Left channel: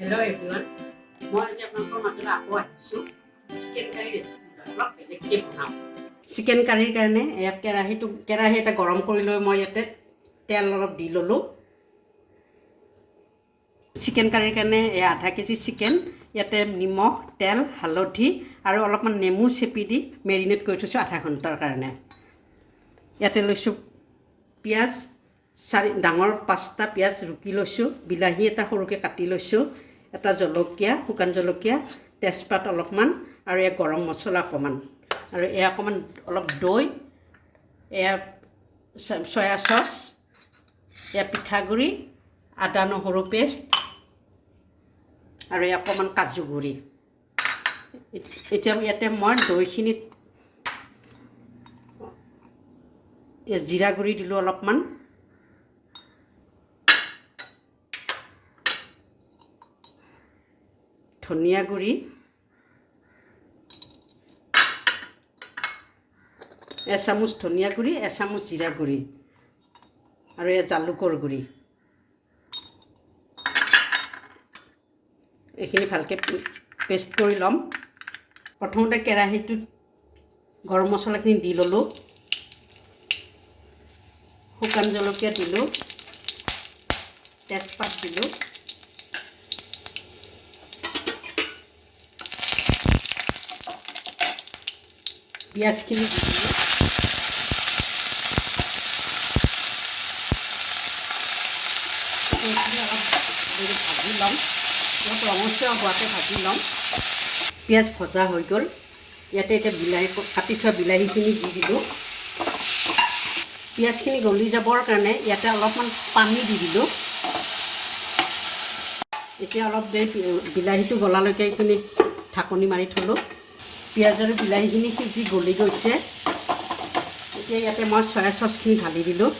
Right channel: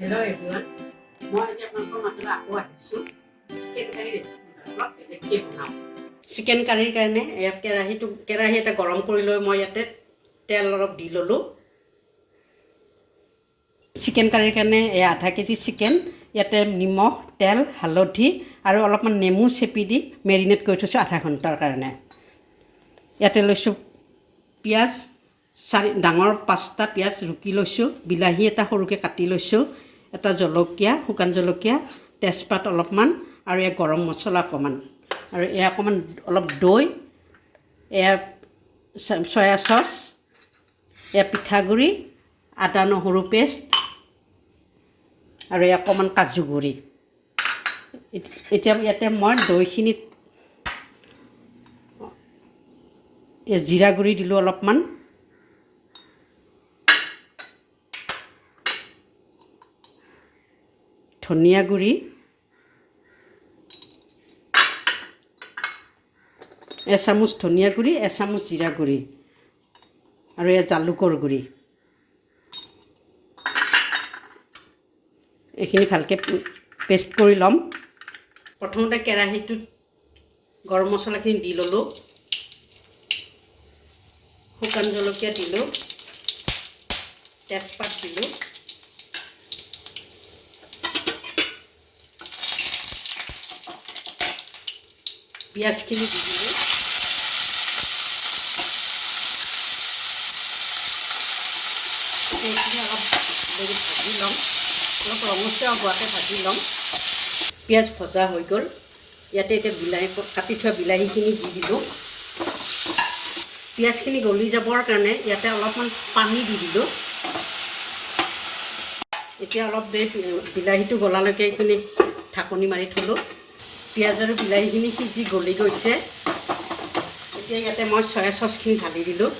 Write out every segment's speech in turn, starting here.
Hello everyone. মই আজি আপোনালোকৰ মাজলৈ আকৌ আহিছোঁ চিকেন কাৰী ৰেচিপি অলপ বেলেগকৈ বনাম। চিকেন কাৰীৰ কাৰণে ইয়াত কেৰাহী এটা গৰম কৰি লৈ মই ইয়াতে তেল অলপ দি ল'লোঁ। চিকেন কাৰীৰ কাৰণে আধা কেজি চিকেন ইয়াতে নিমখ, তেল, হালধি আৰু অলপমান নেমু চেপি দি মেৰিনেট কৰি থৈছোঁ আধা ঘণ্টাৰ কাৰণে। ইয়াতে লৈছোঁ পিঁয়াজ ডাঙৰ 5টা পিঁয়াজ ৰুকি লৈছোঁ, বিলাহী এটা সৰুকৈ কাটি লৈছোঁ, এটা জলকীয়া, শুকান জলকীয়া, তেজপাত অলপমান আৰু গৰম মছলা অকণমান আৰু অকণমান অলপ দৈ, চয়া চচ, পিঠাগুড়ি, আদা নহৰু পেষ্ট আৰু অকণমান কাজু গুড়ি। এতিয়া ইয়াতে মই দৈখিনিত জিৰা গুড়ি দিলোঁ অলপমান, ধনিয়া গুড়ি, এচামুচ ধনিয়া গুড়ি, এচামুচ জিৰা গুড়ি আৰু জালুকৰ গুড়ি। এইখিনি ভালকৈ পেষ্ট কৰি ল'ম। প্ৰথমতে কেৰাহীটোত গৰম মছলাখিনি দি ল'লোঁ, শুকান জলকীয়া দিলোঁ, তেজপাত দিলোঁ, পিঁয়াজখিনি দি দিলোঁ, এইখিনি অলপ ভাজি ল'ম, অলপ ৰঙচুৱা হোৱাকৈ ভাজি ল'ম। পিঁয়াজ ভজা হৈ গ'ল। ইয়াতে এতিয়া কাটি থোৱা বিলাহীখিনি দি দিলোঁ। পিঁয়াজখিনি গলি যাবৰ কাৰণে ইয়াতে অলপমান পানী দি দিলোঁ। এতিয়া অলপ দেৰি বিলাহীটো গলালৈকে এইখিনি ঢাকনি মাৰি থ'লোঁ। পিঁয়াজ আৰু বিলাহীখিনি সিজি গলি গৈছে। এতিয়া ইয়াতে মই চয়া চচখিনি ঢালি দিলোঁ।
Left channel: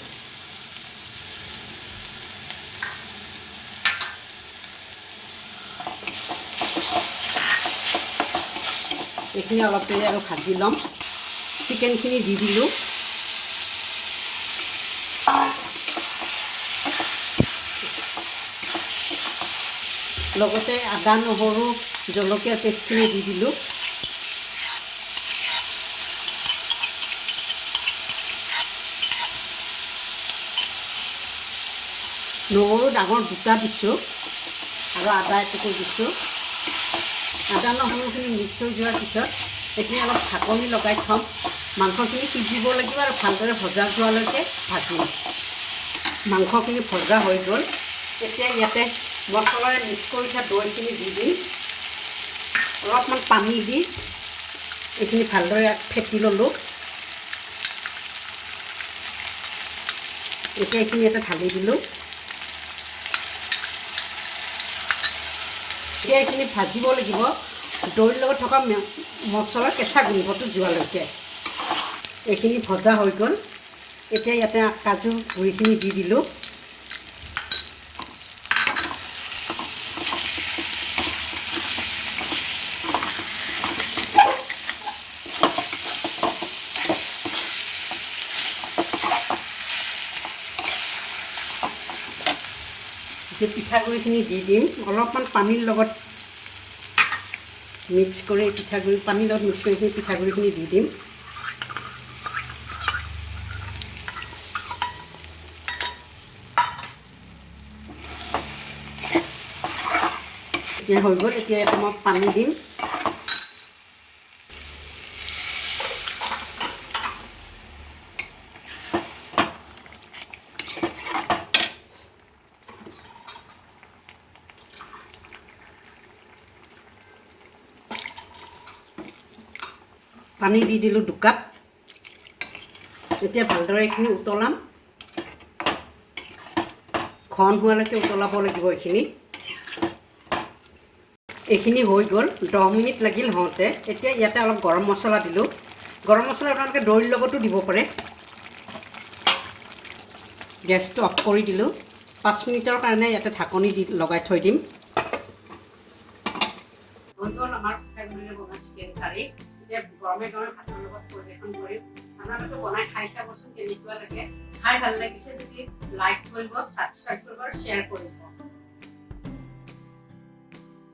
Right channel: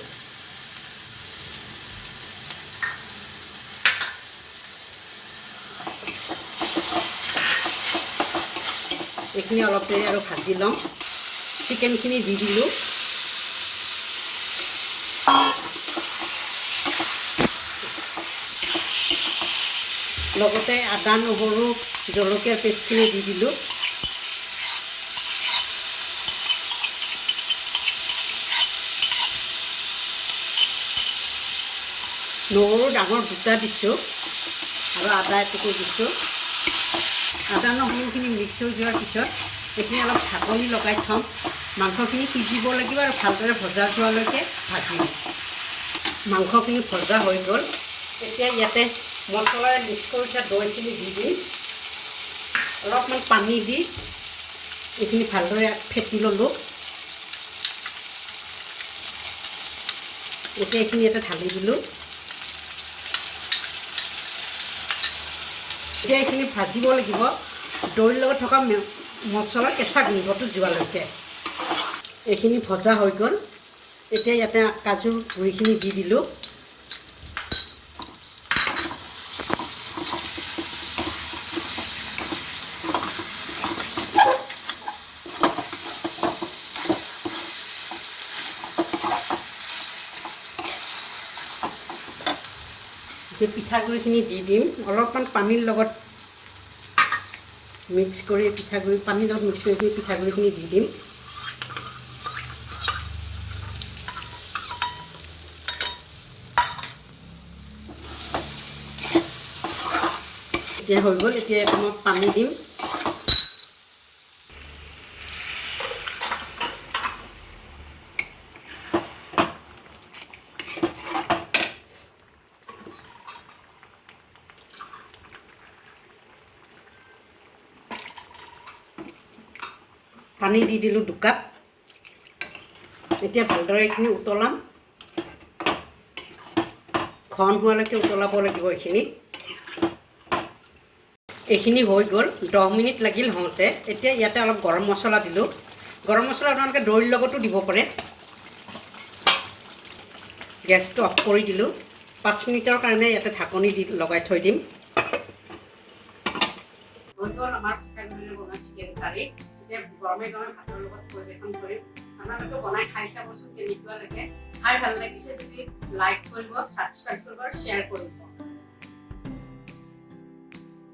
এইখিনি অলপ দেৰি আৰু ভাজি ল'ম। চিকেনখিনি দি দিলোঁ। লগতে আদা নহৰু জলকীয়াৰ পেষ্টখিনি দি দিলোঁ। নহৰু ডাঙৰ 2টা দিছোঁ আৰু আদা এটুকুৰ দিছোঁ। আদা নহৰুখিনি মিক্স হৈ যোৱাৰ পিছত এইখিনি অলপ ঢাকনি লগাই থ'ম। মাংসখিনি সিজিব লাগিব আৰু ভালদৰে ভজা যোৱালৈকে ভাজিম। মাংসখিনি ভজা হৈ গ'ল। এতিয়া ইয়াতে মছলাৰে মিক্স কৰি থোৱা দৈখিনি দি দিম। অলপমান পানী দি এইখিনি ভালদৰে ফেটি ল'লোঁ। এতিয়া এইখিনি এটা ঢালি দিলোঁ। এতিয়া এইখিনি ভাজিব লাগিব দৈৰ লগত থকা মছলাৰ কেঁচা গোন্ধটো যোৱালৈকে। এইখিনি ভজা হৈ গ'ল। এতিয়া ইয়াতে কাজু গুড়িখিনি দি দিলোঁ। এতিয়া পিঠাগুড়িখিনি দি দিম। অলপমান পানীৰ লগত মিক্স কৰি পানীৰ লগত মিক্স কৰি পিঠাগুড়িখিনি দি দিম। এতিয়া হৈ গ'ল। এতিয়া এটা মই পানী দিম। পানী দি দিলোঁ 2 কাপ। এতিয়া ভালদৰে এইখিনি উতলাম। ঘন হোৱালৈকে উতলাব লাগিব এইখিনি। এইখিনি হৈ গ'ল। 10 মিনিট লাগিল হওঁতে। এতিয়া ইয়াতে অলপ গৰম মছলা দিলোঁ। গৰম মছলা আপোনালোকে দৈৰ লগতো দিব পাৰে। গেছটো অফ কৰি দিলোঁ। 5 মিনিটৰ কাৰণে ইয়াতে ঢাকনি দি লগাই থৈ দিম। হৈ গ'ল আমাৰ পিঠাগুড়িৰে বনোৱা চিকেন কাৰী। এতিয়া গৰমে গৰমে ভাতৰ লগত পৰিৱেশন কৰিম। আপোনালোকে বনাই খাই চাবচোন কেনেকুৱা লাগে। খাই ভাল লাগিছে যদি লাইক কৰিব, ছাবস্ক্ৰাইব কৰিব আৰু শ্বেয়াৰ কৰিব।